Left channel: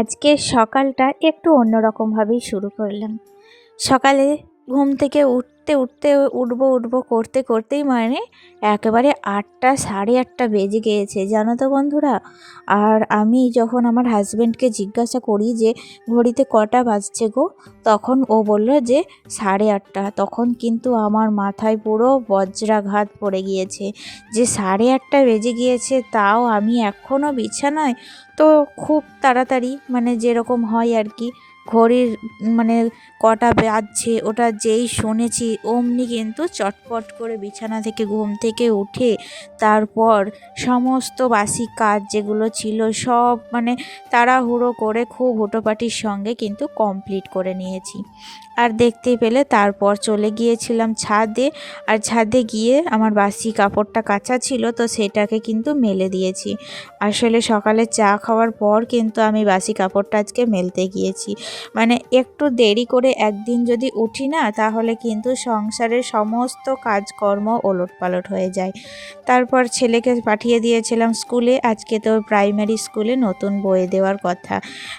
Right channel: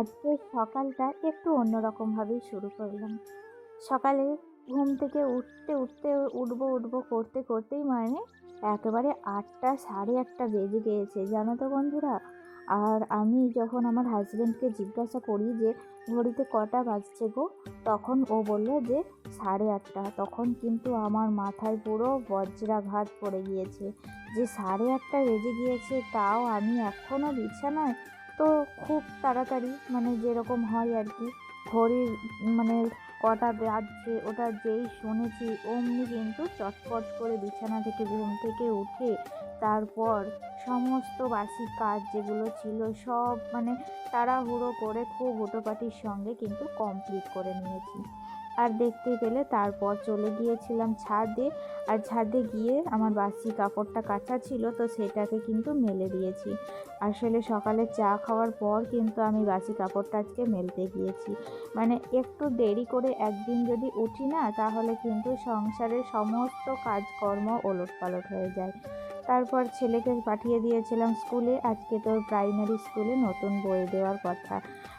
আজকের সকালটা একটু অন্যরকমভাবেই শুরু করলাম। সকালে ঘুম থেকে উঠবো করতে করতেই একেবারে ৮টা ৮:৩০ বেজে গিয়েছে, জানো তো বন্ধুরা। আর আমি যখন আমার হাজব্যান্ডকে জিজ্ঞাসা করি যে ঘড়িতে কটা বাজছে গো, তখন ও বলল যে ৮:৩০। তখন কিন্তু আমার মাথায় পুরো বজ্রাঘাত পড়ে গিয়েছে যে ৮:৩০ বেজে গিয়েছে, তাও আমি এখনও বিছানায়। তো খুব তাড়াতাড়ি যেরকম হয় আর কি, ঘড়ির মানে কটা বাজছে ওটা যেই শুনেছি অমনি কিন্তু চটপট করে বিছানা থেকে ঘুম থেকে উঠে তারপর সমস্ত বাসি কাজ যেগুলো ছিল সব তাড়াহুড়ো করে খুব হুটোপাটির সঙ্গে কিন্তু কমপ্লিট করে নিয়েছি। আর দেখতেই পেলে তারপর চলে গিয়েছিলাম ছাদে। আর ছাদে গিয়ে আমার বাসি কাপড়টা কাচা ছিল, তো সেটাকে কিন্তু মেলে দিয়েছি। আসলে সকালে চা খাওয়ার পর কিন্তু আমি বাসি কাপড়টা আজকে মেলতে গিয়েছি। একটু দেরি করে একদিন যদি উঠি না, তাহলে কিন্তু সংসারের সমস্ত কাজকর্ম ওলটপালট হয়ে যায়। তারপর ছেলেকে পাঠিয়ে দিয়েছিলাম স্কুলে। আজকে তো প্রাইমারি স্কুলে নতুন বই দেওয়ার কথা,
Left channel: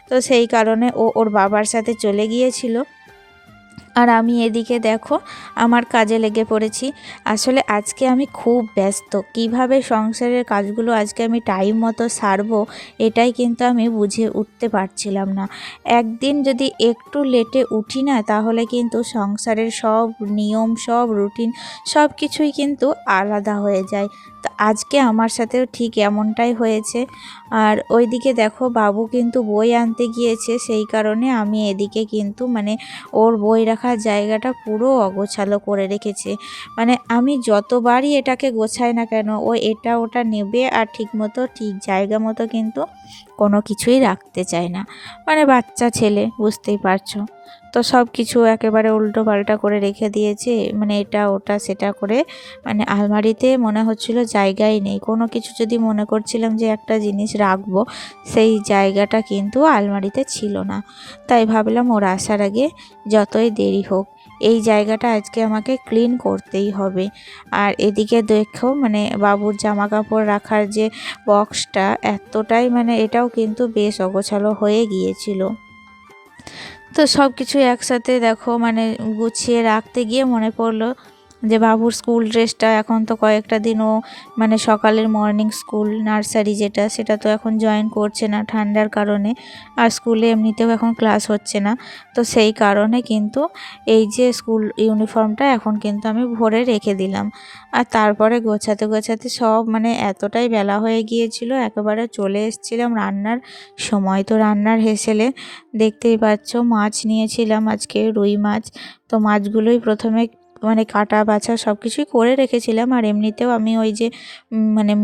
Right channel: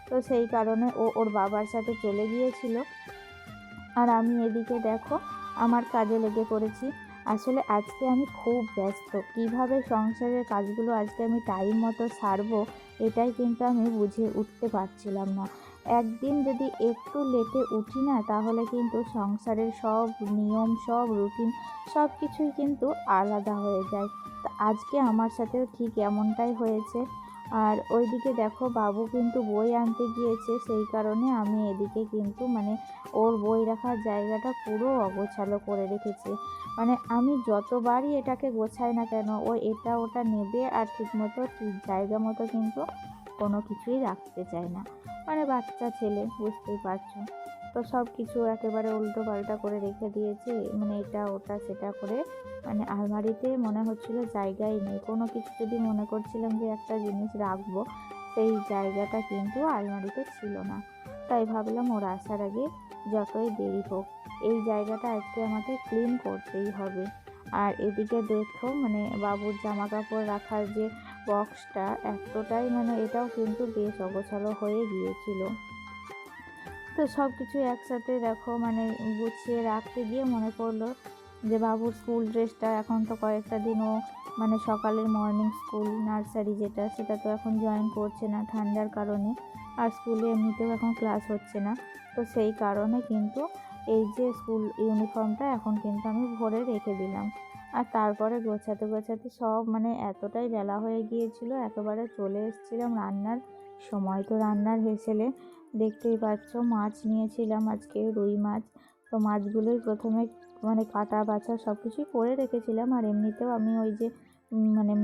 তো সেই কারণে ও ওর বাবার সাথে চলে গিয়েছিল। আর আমি এদিকে দেখো আমার কাজে লেগে পড়েছি। আসলে আজকে আমি খুব ব্যস্ত, কিভাবে সংসারের কাজগুলো আজকে আমি টাইম মতো সারবো এটাই কিন্তু আমি বুঝে উঠতে পারছিলাম না। একদিন যদি একটু লেটে উঠি না, তাহলে কিন্তু সংসারের সব নিয়ম সব রুটিন সব কিছুই কিন্তু আলাদা হয়ে যায়। তো আজকে আমার সাথেও ঠিক এমনটাই হয়েছে। আর ওইদিকে দেখো বাবু কিন্তু বই আনতে গিয়েছে, সেই কারণে আমি এদিকে কিন্তু ওর বই রাখার জায়গাটা পুরো অগোছালো করে রেখেছে। আমি যতবারই এটাকে গোছাই না কেন, ও এটা ওটা নেবে আর ঠিক জায়গা মতো কিন্তু কোনো কিছুই রাখতে চায় না। বাচ্চা ছেলে, বুঝতেই পারছো। তো সব কিছু একেবারে উল্টো পাল্টা করে রেখে দিয়েছে, এটা ওটা সেটা করে। আলমারিতে মনে হচ্ছিল জায়গাই নেই। কোনো কিছু যদি মনে করছিলাম যে একটা জিনিস রাখবো, সেই জায়গাটা কিন্তু আলমারিতে ছিল না। তাই ভাবলাম ওর আসার আগে যতই দেরি হোক এই জায়গাটা আজকে আমাকে ক্লিন করতেই হবে। আর এদিকে দেখো বাবুর জামা কাপড় রাখার যে বক্সটা এতটাই এটাও কিন্তু বেশ অগোছালো হয়ে গিয়েছিল। তো সব কিছু একসাথে দেখো গুছিয়ে রাখতে গিয়ে মনে পড়লো যে বাবুর স্কুল ড্রেসটা এখন তো কয়েকটা দিনও সকালের মর্নিং স্কুল নার্সারি সেটা তো এখন জয়েন করছে না ঠান্ডার কারণে। আর স্কুলে এমনিতেও এখন ক্লাস হচ্ছে না, তো সেই কারণে কিন্তু এই যে স্কুল ইউনিফর্মটা এখন কিন্তু আমি ভরে রেখে দিলাম। আর তারপরে গোছাতে গোছাতে সব এতটাই বেলা হয়ে গিয়েছিল, একেবারে চলে এসেছিলাম রান্নার সময়। তো রান্নার হেসেলে দেখতেই পাচ্ছ মাছ নিয়েছিলাম আজকে, রুই মাছ। তো মাছগুলোই প্রথমে কাটা বাছা সব কিছুই করে রেখেছিলাম। আর এমনিতেও আমি ওই যে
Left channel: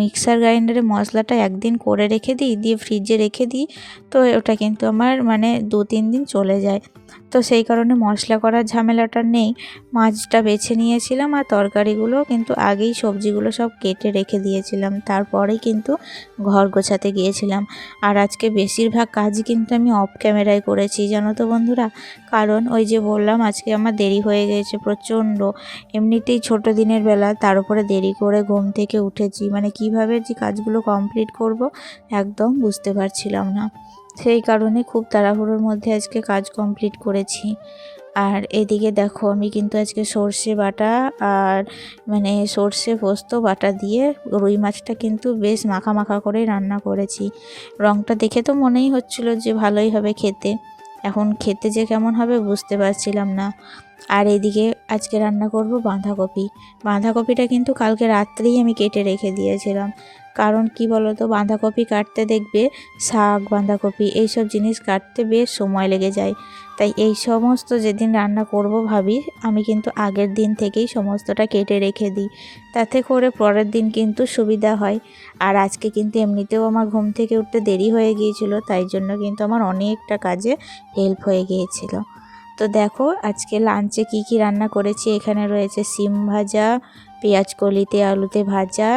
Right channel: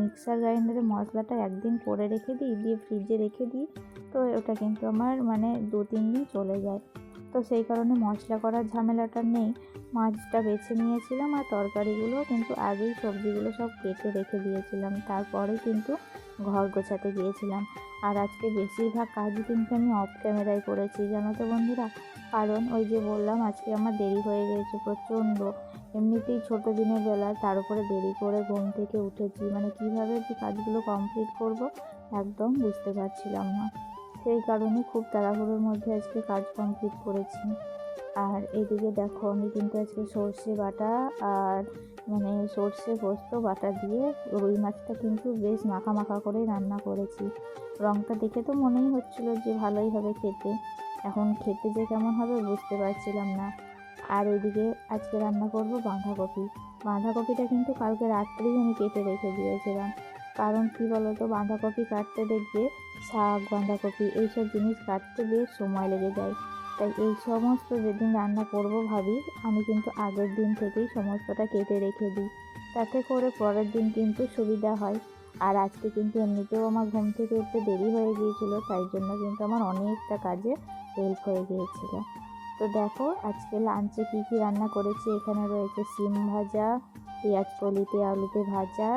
মিক্সার গ্রাইন্ডারে মশলাটা একদিন করে রেখে দিই, দিয়ে ফ্রিজে রেখে দিই। তো ওটা কিন্তু আমার 2-3 দিন চলে যায়। তো সেই কারণে মশলা করার ঝামেলাটা নেই। মাছটা বেছে নিয়েছিলাম আর তরকারিগুলো কিন্তু আগেই সবজিগুলো সব কেটে রেখে দিয়েছিলাম, তারপরেই কিন্তু ঘর গোছাতে গিয়েছিলাম। আর আজকে বেশিরভাগ কাজই কিন্তু আমি অফ ক্যামেরায় করেছি, জানো তো বন্ধুরা। কারণ ওই যে বললাম আজকে আমার দেরি হয়ে গেছে প্রচণ্ড। এমনিতেই ছোট দিনের বেলা, তার উপরে দেরি করে ঘুম থেকে উঠেছি, কিভাবে যে কাজগুলো কমপ্লিট করব একদম বুঝতে পারছিলাম না। সেই কারণে খুব তাড়াহুড়োর মধ্যে আজকে কাজ কমপ্লিট করেছি। আর এদিকে দেখো আমি কিন্তু আজকে সর্ষে বাটা আর সর্ষে পোস্ত বাটা দিয়ে রুই মাছটা কিন্তু বেশ মাখা মাখা করে রান্না করেছি। রঙটা দেখে তো মনেই হচ্ছিল যে ভালোই হবে খেতে, এখন খেতে যে কেমন হবে বুঝতে পারছিলাম না। আর এদিকে আজকে রান্না করব বাঁধাকপি। বাঁধাকপিটা কিন্তু কালকে রাত্রেই আমি কেটে রেখে দিয়েছিলাম। কারণ কি বলো তো, বাঁধাকপি কাটতে দেখবে শাক বাঁধাকপি এইসব জিনিস কাটতে বেশ সময় লেগে যায়। তাই এই সমস্ত যেদিন রান্না করব ভাবি, আমি কিন্তু আগের দিন থেকেই সমস্তটা কেটে রেখে দিই, তাতে করে পরের দিন কিন্তু সুবিধা হয়। আর আজকে কিন্তু এমনিতেও আমার ঘুম থেকে উঠতে দেরি হয়ে গিয়েছিল, তাই জন্য কিন্তু আমার অনেকটা কাজে হেল্প হয়ে গিয়েছিল। তো দেখো আজকে লাঞ্চে কি কি রান্না করেছি। এখানে রয়েছে সিম ভাজা, পেঁয়াজ কলিতে আলুতে ভাজা,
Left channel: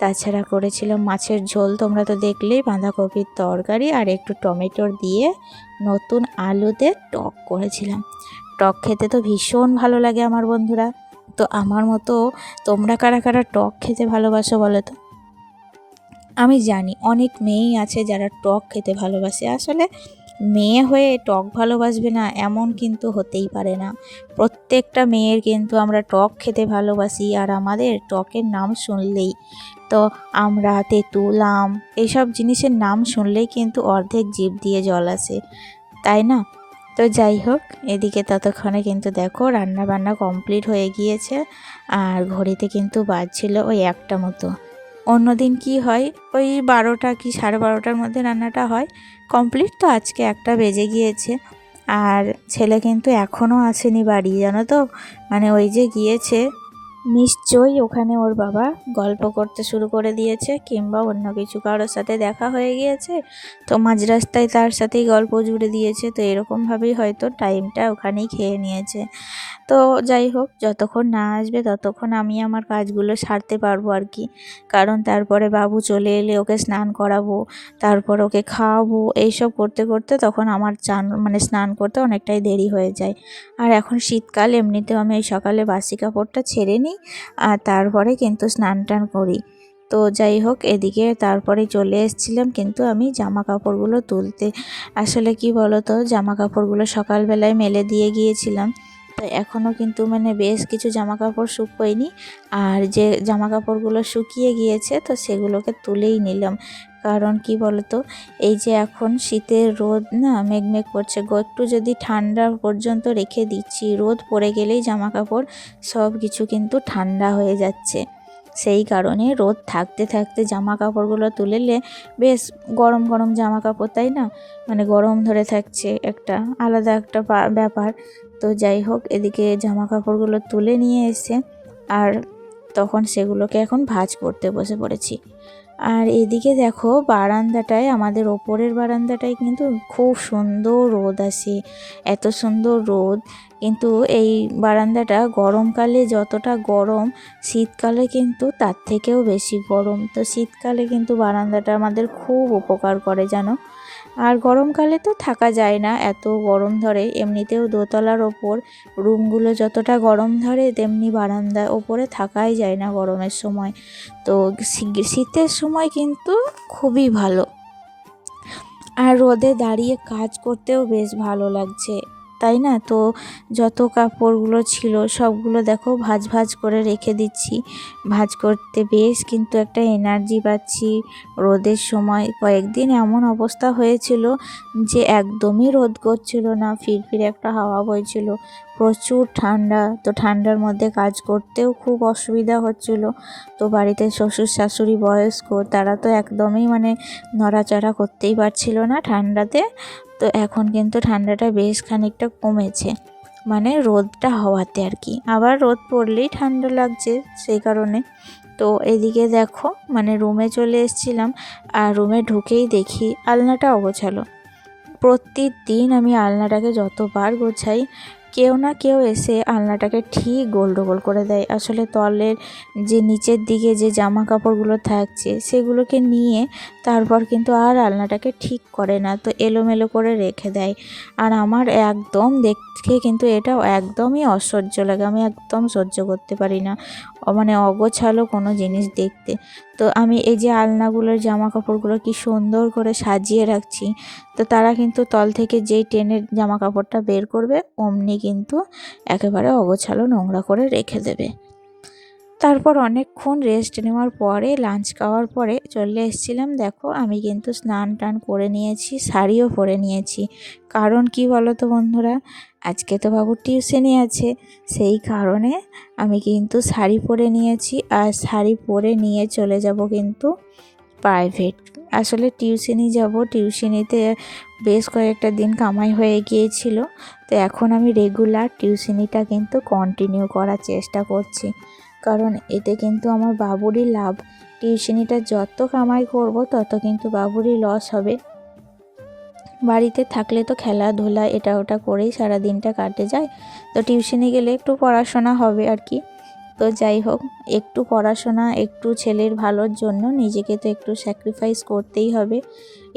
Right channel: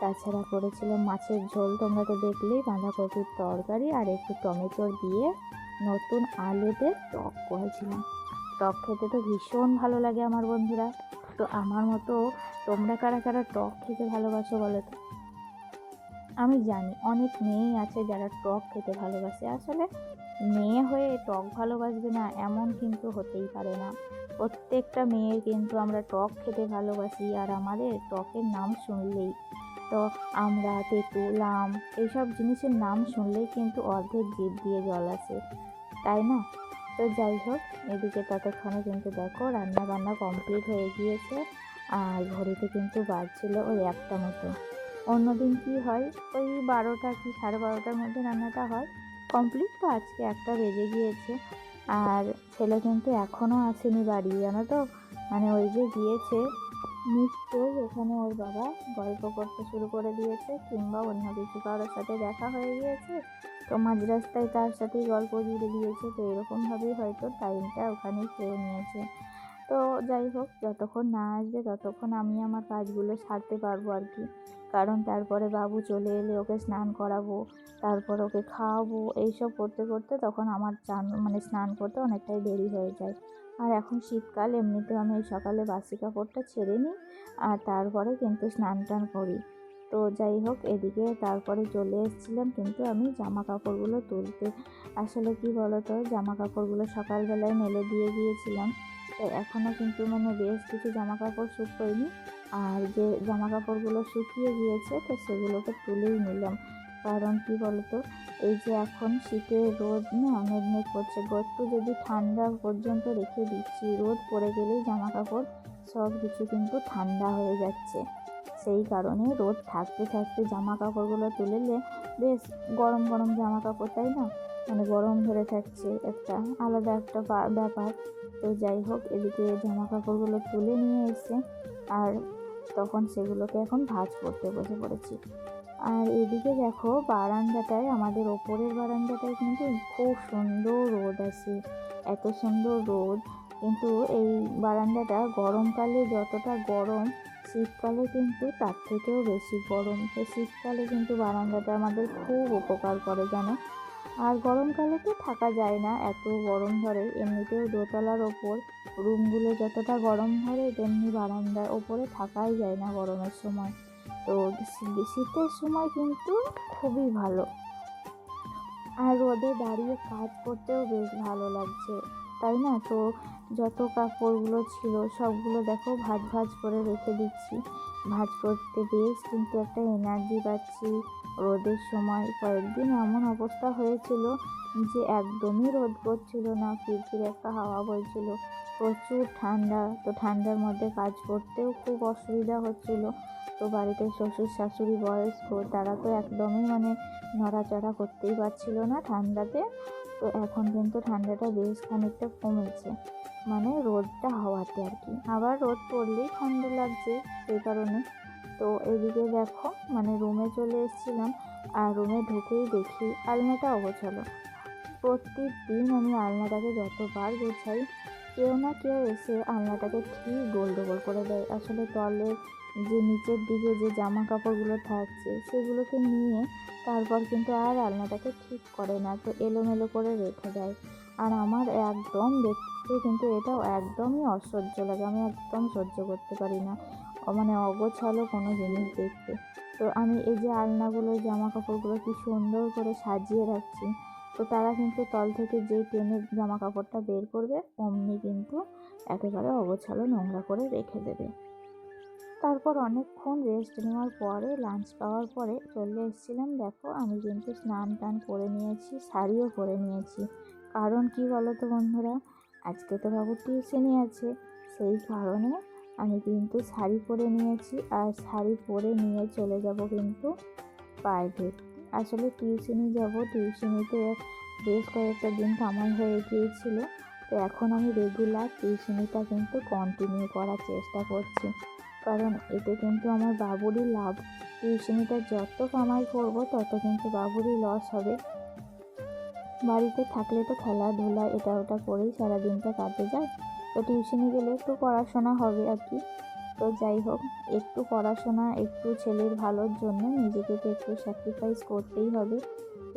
তাছাড়া করেছিলাম মাছের ঝোল, তোমরা তো দেখলেই, বাঁধাকপির তরকারি আর একটু টমেটোর দিয়ে নতুন আলুতে টক করেছিলাম। টক খেতে তো ভীষণ ভালো লাগে আমার বন্ধুরা। তো আমার মতো তোমরা কারা কারা টক খেতে ভালোবাসো বলো তো। আমি জানি অনেক মেয়েই আছে যারা টক খেতে ভালোবাসে, আসলে মেয়ে হয়ে টক ভালোবাসবে না এমন কিন্তু হতেই পারে না। প্রত্যেকটা মেয়ের কিন্তু আমরা টক খেতে ভালোবাসি, আর আমাদের টকের নাম শুনলেই তো আমরা তেঁতুল আম এইসব জিনিসের নাম শুনলেই কিন্তু অর্ধেক জিভ দিয়ে জল আসে, তাই না? তো যাই হোক, এদিকে ততক্ষণে কিন্তু দেখো রান্না বান্না কমপ্লিট হয়ে গিয়েছে, আর ঘড়িতে কিন্তু বাজছিল ওই 1টা মতো। অন্যদিন কি হয় ওই 12টা কি 12:30টার মধ্যে রান্নাটা হয় কমপ্লিট, তো আজকে 1টা বেজে গিয়েছে। আর ছেলে কিন্তু এখনও আসেনি বাড়ি, জানো তো, মানে ওই যে গিয়েছে, নিশ্চয়ই ওখানে ওর বাবা গল্প করতে শুরু করে দিয়েছে, কিংবা অন্য কিছু কারোর সাথে দেখা হয়ে গিয়েছে, তো মাঝ রাস্তায় তার সাথেই গল্প জুড়ে দিয়েছে, তো এরকমভাবেই হয়তো টাইমটা ওখানেই খেয়ে নিয়েছে। তো যাই হোক, যতক্ষণ না আসবে ততক্ষণ আমি আমার কাজগুলো সারতে পারবো আর কি, কারণ তারপরে বাবু চলে এলে ওকে স্নান করাবো, তারপর ওকে খাওয়াবো, এইসব করতে করতে তখন আমার মানে স্নান করতে অনেকটাই দেরি হয়ে যায়। আর এখন শীতকাল, এমনিতেও আমি এই সকালে বাসি কাপড়টা ছেড়ে নিই, আর তারপরে কিন্তু স্নান টান করি। তো যাই হোক, এদিকে তারপরে চলে এসেছিলাম কিন্তু আমি জামা কাপড়গুলো তুলতে। আসলে কি বলো তো, জামা কাপড়গুলো সকালবেলায় মেলে দিয়ে গিয়েছিলাম, তো এখনও কিন্তু মানে বেশ কিছু জামা কাপড় শুকোয়নি, আর যে জামা কাপড়গুলো শুকিয়ে গিয়েছে তো সেগুলোকে তুলেই নিলাম। কারণ কি বলতো, এই যে এখন শীতের রোদ না মেঘমেঘ করছে গো, একটু যদি ঠান্ডা পর্যন্ত রেখে দিচ্ছি, রোদ পড়ে গেলেই জামা কাপড় সব কিছু কিন্তু ঠান্ডা হয়ে যাচ্ছে। সেই কারণে রোদ থাকতে থাকতে জামা কাপড়গুলো তুলেলে বেশ গরম গরম জামা কাপড়, তাই না, মানে গরম ধরে থাকছে, একটা আলাদা একটা ব্যাপার। তো যাই হোক, এদিকে জামা কাপড়গুলো তুলে নিয়ে এসে আর তখন সেগুলোকে এখন ভাঁজ করতে বসে পড়েছি। আর এদিকে দেখো বারান্দাটায়, আমাদের ওপরের বারান্দাটায় কিন্তু খুব সুন্দর রোদ আসে, এত সুন্দর রোদ। কিন্তু এই বারান্দাটা গরমকালে যতটা গরম, শীতকালে কিন্তু তার থেকেও বেশি গরম। তো শীতকালে কিন্তু বারান্দাটা আমাদের খুব উপকার করে, জানো। আর গরমকালে তো থাকা যায় না, এত গরম ধরে, এমনিতেও দোতলার ওপর রুমগুলো যতটা গরম ধরে তেমনি বারান্দার ওপরে থাকাই যায় না গরমের সময়। তো শীতের সময় কিন্তু খুবই ভালো, আর রোদে দাঁড়িয়ে কাজ করতেও বেশ ভালো লাগছে, তাই না? তো যত কাপড়গুলো ছিল সবগুলো দেখো ভাঁজ ভাঁজ করে রেখে দিচ্ছি। ভাঁজ করতে বেশ কিন্তু একটা এনার্জি পাচ্ছি। রোদের সময় কয়েকদিন এমন অবস্থা হয়েছিল যে একদমই রোদ করছিল না, ফিরফিরে একটা হাওয়া বইছিল, প্রচুর ঠান্ডা। তো ঠান্ডার মধ্যে কাজ করতেও খুব অসুবিধা হচ্ছিল। তো বাড়িতে শ্বশুর শাশুড়ি বয়স্ক, তারা তো একদমই মানে নড়াচড়া করতেই পারছিল না ঠান্ডাতে। তো এখন কিন্তু ঠান্ডাটা বেশ খানিকটা কমেছে, মানে রোদটা হওয়াতে আর কি, আবার রোদ পড়লেই ঠান্ডা লাগছে সেই কারণে। তো এদিকে দেখো মানে রুমে চলে এসেছিলাম, আর রুমে ঢুকেই দেখি আলনাটা অগোছালো। প্রতিদিন আমি আলনাটাকে যতবার গোছাই, কেউ না কেউ এসে আলনাটাকে ঠিক গোল করে দেয়। আসলে তলের যে নিচের দিকে যে জামা কাপড়গুলো থাকছে সেগুলোকে নিয়ে তারপর কিন্তু আর আলনাটাকে ঠিক করে না, তো এলোমেলো করে রেখে দেয়। আর আমার একদম দেখে কিন্তু এটা একদমই অসহ্য লাগে, আমি একদম সহ্য করতে পারি না মানে অগোছালো কোনো জিনিস দেখতে। তো আমি এই যে আলনাগুলোর জামা কাপড়গুলো কি সুন্দর করে সাজিয়ে রাখছি, তো তারা কিন্তু তল থেকে যেই টেনের জামা কাপড়টা বের করবে অমনি কিন্তু একেবারে অগোছালো নোংরা করে রেখে দেবে। তারপর অনেকক্ষণ রেস্ট নেওয়ার পরে লাঞ্চ খাওয়ার পরে চলে এসেছিলাম। দেখো আমি কিন্তু স্নান টান করে নিয়েছি, শাড়িও পরে নিয়েছি। কারণ কি বলো তো বন্ধুরা, আজকে তো বাবুর টিউশনি আছে, সেই কারণে আমি কিন্তু শাড়ি পরে নিয়েছি, আর শাড়ি পরে নিয়ে চলে যাব কিন্তু প্রাইভেট। আসলে টিউশনি যাব, টিউশনিতে বেশ কয়েকটা দিন কামাই হয়ে গিয়েছিল, তো এখন আমি রেগুলার টিউশনিটা কিন্তু কন্টিনিউ করার চেষ্টা করছি, কারণ এতে কিন্তু আমার বাবুরই লাভ। টিউশনিটা যত কামাই করব তত কিন্তু বাবুরই লস হবে। বাড়িতে থাকলে তো খেলাধুলা এটা ওটা করেই সারা দিনটা কাটে যায়, তো টিউশনি গেলে একটু পড়াশোনা হবে আর কি। তো যাই হোক, একটু পড়াশোনা, একটু ছেলের ভালোর জন্য নিজেকে তো একটু স্যাক্রিফাইস করতেই হবে।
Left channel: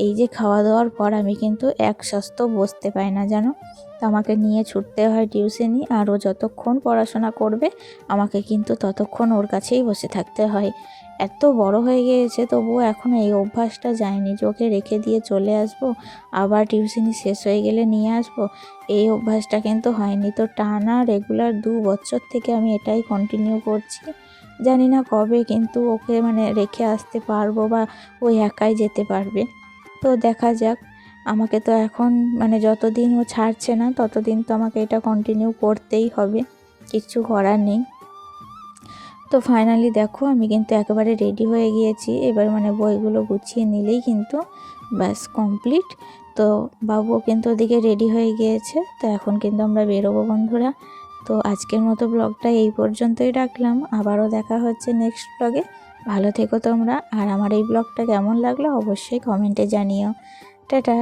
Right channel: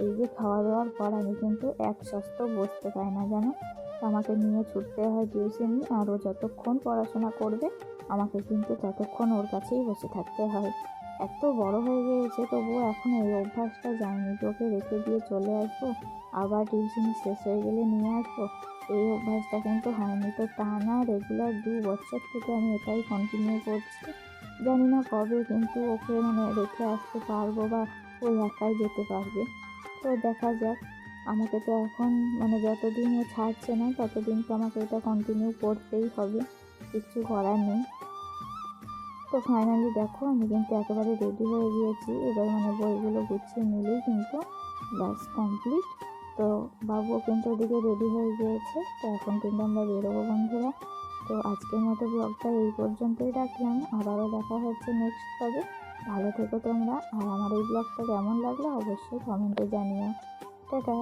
এই যে খাওয়া দাওয়ার পর আমি কিন্তু এক সস্ত বসতে পাই না, জানো, তো আমাকে নিয়ে ছুটতে হয় টিউশনি, আর ও যতক্ষণ পড়াশোনা করবে আমাকে কিন্তু ততক্ষণ ওর কাছেই বসে থাকতে হয়। এত বড় হয়ে গিয়েছে, তবুও এখনও এই অভ্যাসটা যায়নি যে ওকে রেখে দিয়ে চলে আসবো, আবার টিউশনি শেষ হয়ে গেলে নিয়ে আসবো। এই অভ্যাসটা কিন্তু হয়নি। তো টানা রেগুলার 2 বছর থেকে আমি এটাই কন্টিনিউ করছি। জানি না কবে কিন্তু ওকে মানে রেখে আসতে পারবো বা ও একাই যেতে পারবে। তো দেখা যাক। আমাকে তো এখন মানে যতদিন ও ছাড়ছে না ততদিন তো আমাকে এটা কন্টিনিউ করতেই হবে, কিচ্ছু করার নেই। তো ফাইনালি দেখো আমি কিন্তু একেবারে রেডি হয়ে গিয়েছি। এবার মানে বইগুলো গুছিয়ে নিলেই কিন্তু ব্যাস কমপ্লিট। তো বাবুও কিন্তু ওদিকে রেডি হয়ে গিয়েছে। তো এখন কিন্তু আমরা বেরোবো বন্ধুরা। তো আজকের মতো ব্লগটা এই পর্যন্তই রাখলাম। আবারও দেখা হচ্ছে নেক্সট ব্লগে। ভালো থেকো তোমরা। আর আমার এই ব্লগটা কেমন লাগলো অবশ্যই কমেন্টে জানিও। টাটা।